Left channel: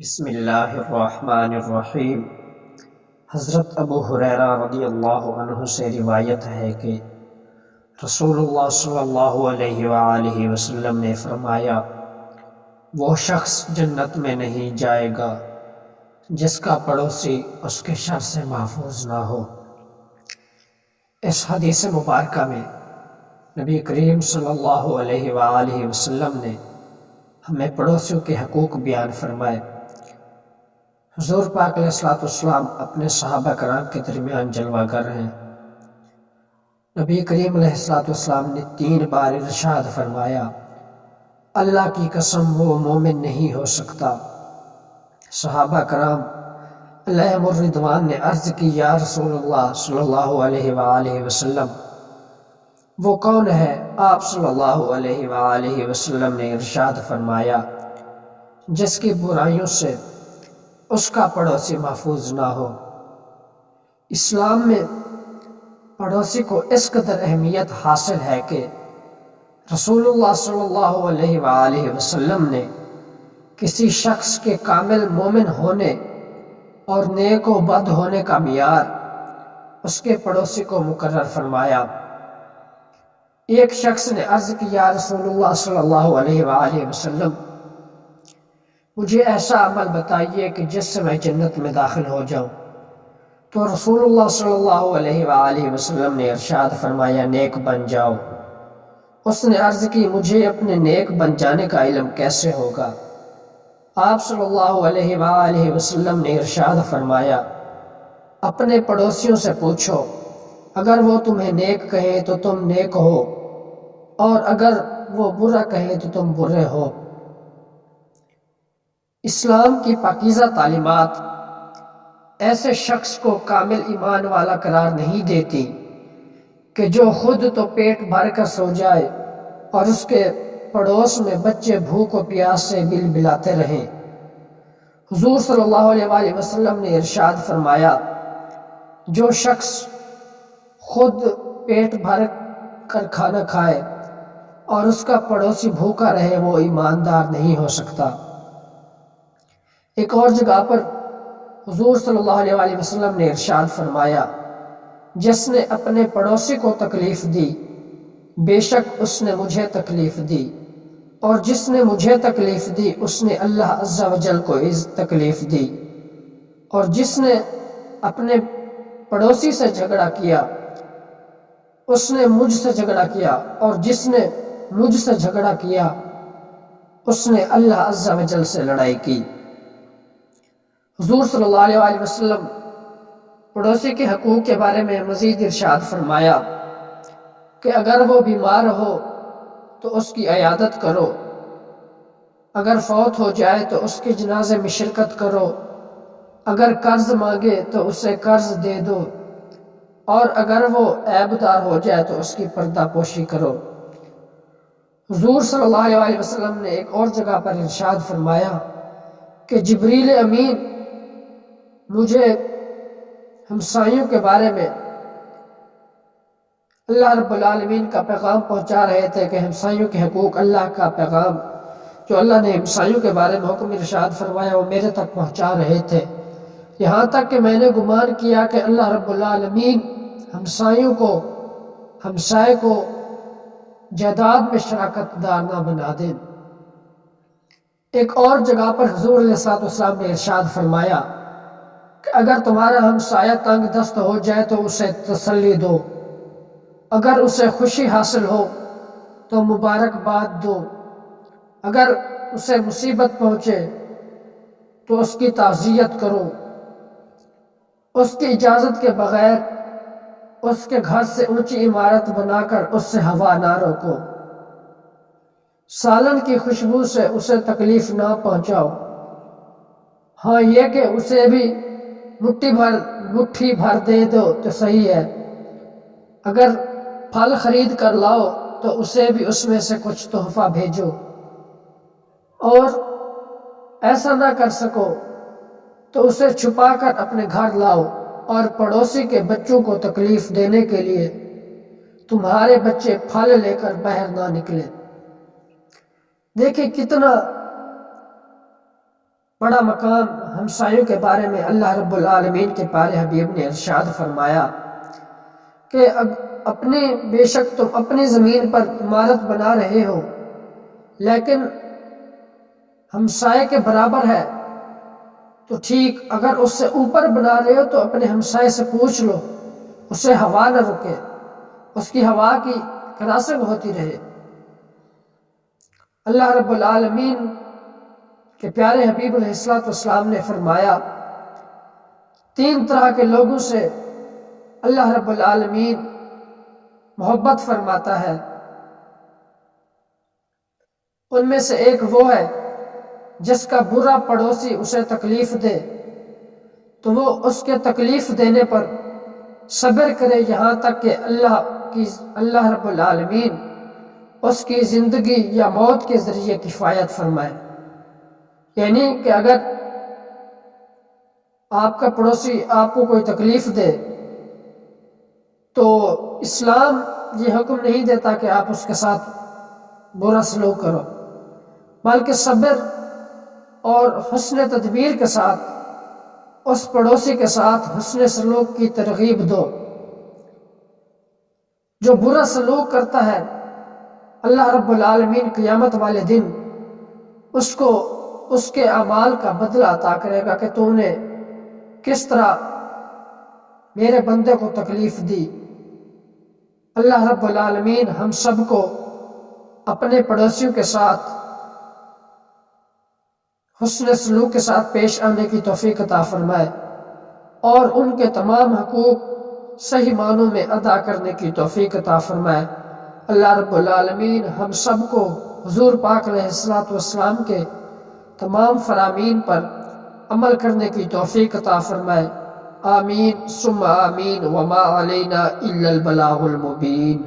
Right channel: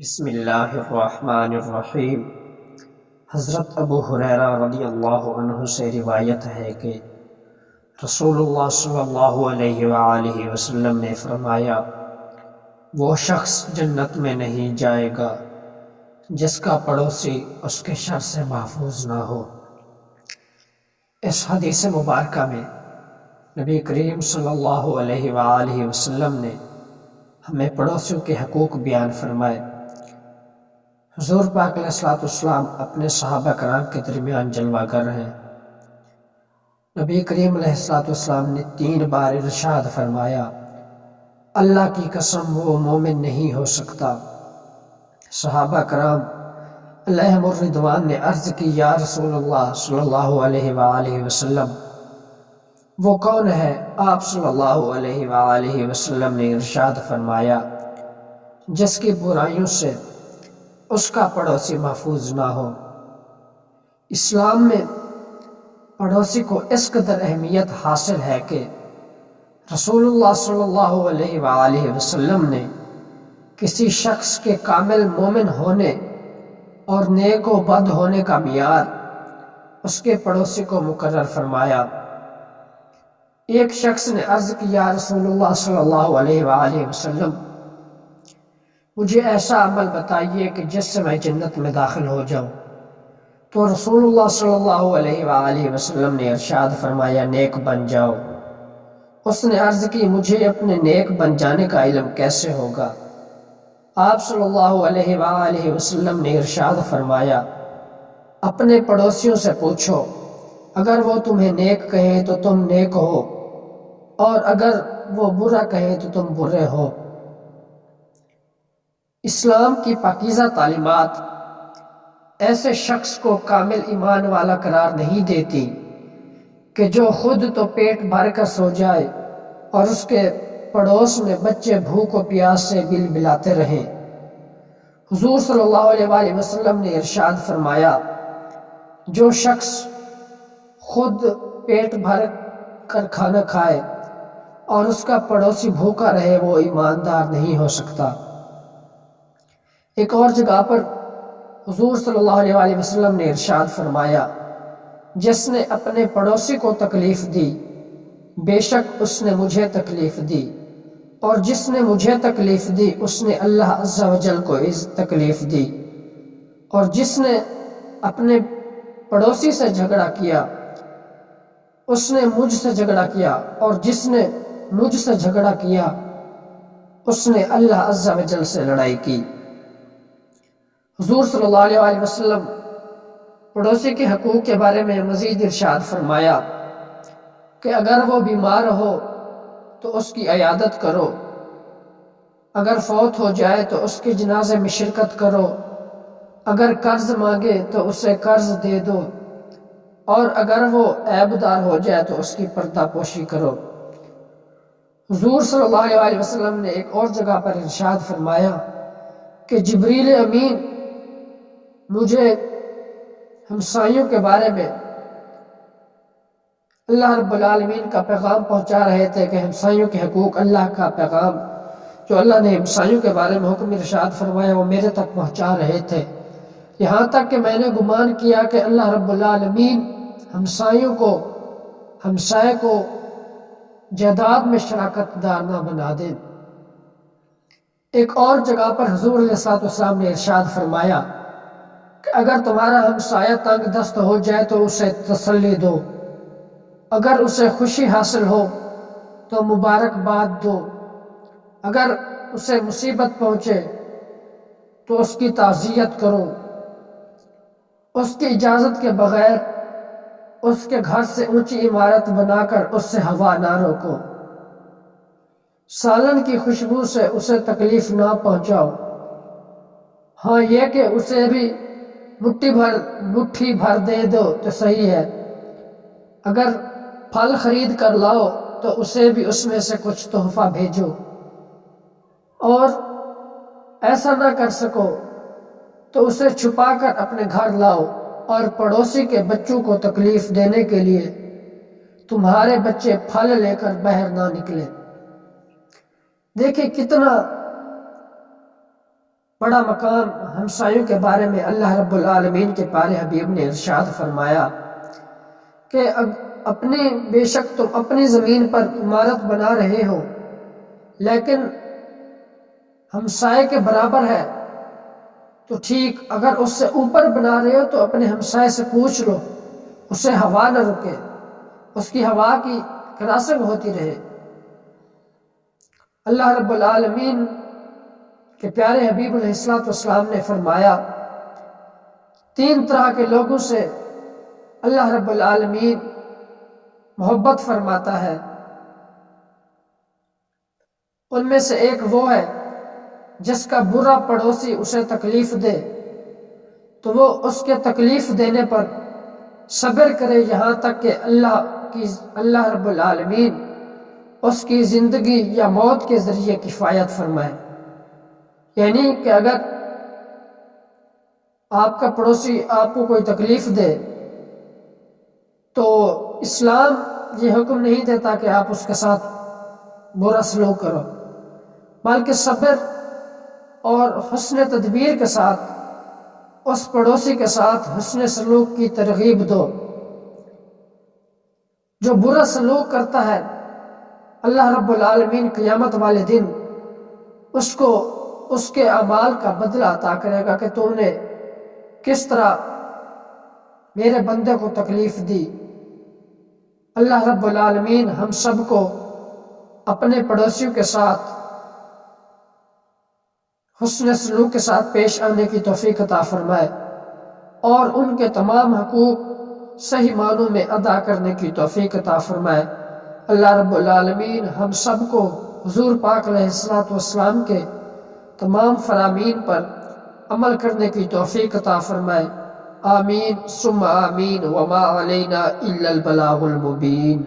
بسم اللہ الرحمن الرحیم۔ حضرت ابو ہریرہ رضی اللہ عنہ سے روایت ہے کہ رسول اللہ صلی اللہ علیہ وآلہ وسلم نے فرمایا، وہ شخص جنت میں نہیں جائے گا جس کا پڑوسی اس کے شر سے محفوظ نہ ہو۔ اس حدیث مبارکہ میں نبی کریم صلی اللہ علیہ وآلہ وسلم نے ہمیں پڑوسیوں کے حقوق بیان فرمائے۔ حضور پاک علیہ السلام اپنے صحابہ کرام کے درمیان جلوہ گر ہیں۔ نبی کریم علیہ السلام نے 3 بار ارشاد فرمایا، اللہ کی قسم وہ مومن نہیں ہو سکتا۔ صحابہ کرام علیہم الرضوان نے عرض کی، یا رسول اللہ صلی اللہ علیہ وآلہ وسلم وہ کون ہے؟ آپ صلی اللہ علیہ وآلہ وسلم نے ارشاد فرمایا، جس کی برائیوں سے اس کا پڑوسی محفوظ نہ ہو۔ اسلام میں پڑوسی کو اس قدر اہمیت حاصل ہے کہ رسول اللہ صلی اللہ علیہ وآلہ وسلم نے کسی شخص کے کامل مومن ہونے اور نیک و بد ہونے کا معیار اس کے پڑوسی کو مقرر فرمایا۔ ایک شخص نے عرض کی، یا رسول اللہ صلی اللہ علیہ وآلہ وسلم مجھے ایسا عمل بتائیے کہ جس سے میں جنت میں داخل ہو جاؤں۔ تو رسول اللہ صلی اللہ علیہ وآلہ وسلم نے ارشاد فرمایا، نیک بن جاؤ۔ اس نے عرض کی، مجھے اپنے نیک بن جانے کا علم کیسے ہوگا؟ آپ صلی اللہ علیہ وآلہ وسلم نے ارشاد فرمایا، اپنے پڑوسیوں سے پوچھو، اگر وہ تمہیں نیک کہیں تو تم نیک ہو، اور اگر وہ برا کہیں تو تم برے ہو۔ اسلام کی پاکیزہ تعلیمات ایسے شخص کو کامل ایمان والا قرار نہیں دیتی کہ جو خود تو پیٹ بھر کر سو جائے اور اس کے پڑوس میں بچے بھوک و پیاس سے بل بلاتے رہیں۔ حضور صلی اللہ علیہ وآلہ وسلم نے ارشاد فرمایا، جو شخص خود پیٹ بھر کر کھانا کھائے اور اس کا پڑوسی بھوکا رہے، وہ ایماندار نہیں ہو سکتا۔ ایک اور جگہ پر حضور صلی اللہ علیہ وآلہ وسلم نے ارشاد فرمایا، جس نے اپنے پڑوسی کو تکلیف دی بے شک اس نے مجھے تکلیف دی، اور جس نے مجھے تکلیف دی اس نے اللہ عز و جل کو تکلیف دی، اور جس نے اپنے پڑوسی سے جھگڑا کیا اس نے مجھ سے جھگڑا کیا، اور جس نے مجھ سے جھگڑا کیا اس نے اللہ عز و جل سے لڑائی کی۔ حضور صلی اللہ علیہ وآلہ وسلم پڑوسی کے حقوق کے بارے میں مزید ارشاد فرمایا کہ اگر وہ بیمار ہو تو اس کی عیادت کرو، اگر فوت ہو جائے تو اس کے جنازے میں شرکت کرو، اگر قرض مانگے تو اسے قرض دے دو، اور اگر وہ عیب دار ہو جائے تو اس کی پردہ پوشی کرو۔ حضور صلی اللہ علیہ وآلہ وسلم نے ایک اور جگہ پر ارشاد فرمایا کہ جبریل امین مجھے ہمسایوں کے بارے میں اللہ رب العالمین کا پیغام پہنچا رہے تھے، کہ ہمسایوں کے حقوق، اللہ کا پیغام جو اللہ نے ہمسایوں کے بارے میں حکم ارشاد فرمایا وہ میرے تک پہنچا رہے تھے، یہاں تک کہ میں نے گمان کیا کہ اللہ رب العالمین ہمسائے کو جائیداد میں شراکت دار نہ بنا دیں۔ ایک اور جگہ پر حضور علیہ السلام نے ارشاد فرمایا کہ اگر تمہارا ہمسایہ تنگ دست ہو جائے تو اسے تسلی دو، اگر اسے خوشی حاصل ہو تو مبارکباد دو، اگر اسے مصیبت پہنچے تو اس کی تعزیت کرو، اس کی اجازت کے بغیر اس کے گھر سے اونچی عمارت بنا کر اس سے ہوا نہ روکو، سالن کی خوشبو سے اسے تکلیف نہ پہنچاؤ، ہاں یہ کہ اسے بھی مٹھی بھر دے دو تو صحیح ہے، اگر پھل خرید کر لاؤ تو اسے بھی اس میں سے کچھ تحفہ بھیجو، اور ایسا نہ کر سکو تو اسے چھپا کر اپنے گھر لاؤ، اور پڑوسی کے بچوں کو تکلیف دینے کے لیے تمہارے بچے پھل لے کر باہر نہ نکلیں۔ دیکھیں کتنا بڑا مقام ہمسایوں کے بارے میں اللہ رب العالمین کے پیارے حبیب نے ارشاد فرمایا کہ بے شک تم اپنی زمین پر عمارت بنا رہے ہو لیکن ہمسائے کے برابر ہے تو ٹھیک، اگر اس سے اوپر بنا رہے ہو تو اپنے ہمسائے سے پوچھ لو، اسے ہوا نہ رکے، اس کی ہوا کی کراسنگ ہوتی رہے۔ اللہ رب العالمین کے پیارے حبیب علیہ السلام نے فرمایا 3 طرح کے لوگوں سے اللہ رب العالمین محبت فرماتا ہے۔ ان میں سے ایک وہ ہے جس کا برا پڑوسی اسے تکلیف دے تو وہ اس کے تکلیف دینے پر صبر کرے یہاں تک کہ اللہ رب العالمین اس کی زندگی یا موت کے ذریعے کفایت فرمائے۔ یعنی کہ اگر آپ کا پڑوسی آپ کو کوئی تکلیف دے تو اسلام یہ حکم نہیں دیتا کہ آپ اس کے ساتھ برا سلوک کرو، بلکہ صبر اور حسن تدبیر کے ساتھ اس پڑوسی کے ساتھ حسن سلوک کی ترغیب دو۔ جو برا سلوک کرتا ہے اللہ رب العالمین قیامت والے دن اس کو اس کے اعمال کا بدلہ عطا کرے گا کہ تو نے کس طرح میرے بندے کو تکلیف دی۔ اللہ رب العالمین ہم سب کو اپنے پڑوسیوں کے ساتھ حسن سلوک کے ساتھ پیش آنے کی توفیق عطا فرمائے اور ان کے تمام حقوق صحیح معنوں میں ادا کرنے کی توفیق عطا فرمائے۔ اللہ رب العالمین ہم سب کو حضور پاک علیہ السلام کے تمام فرامین پر عمل کرنے کی توفیق عطا فرمائے۔ آمین ثم آمین، وما علینا الا البلاغ المبین۔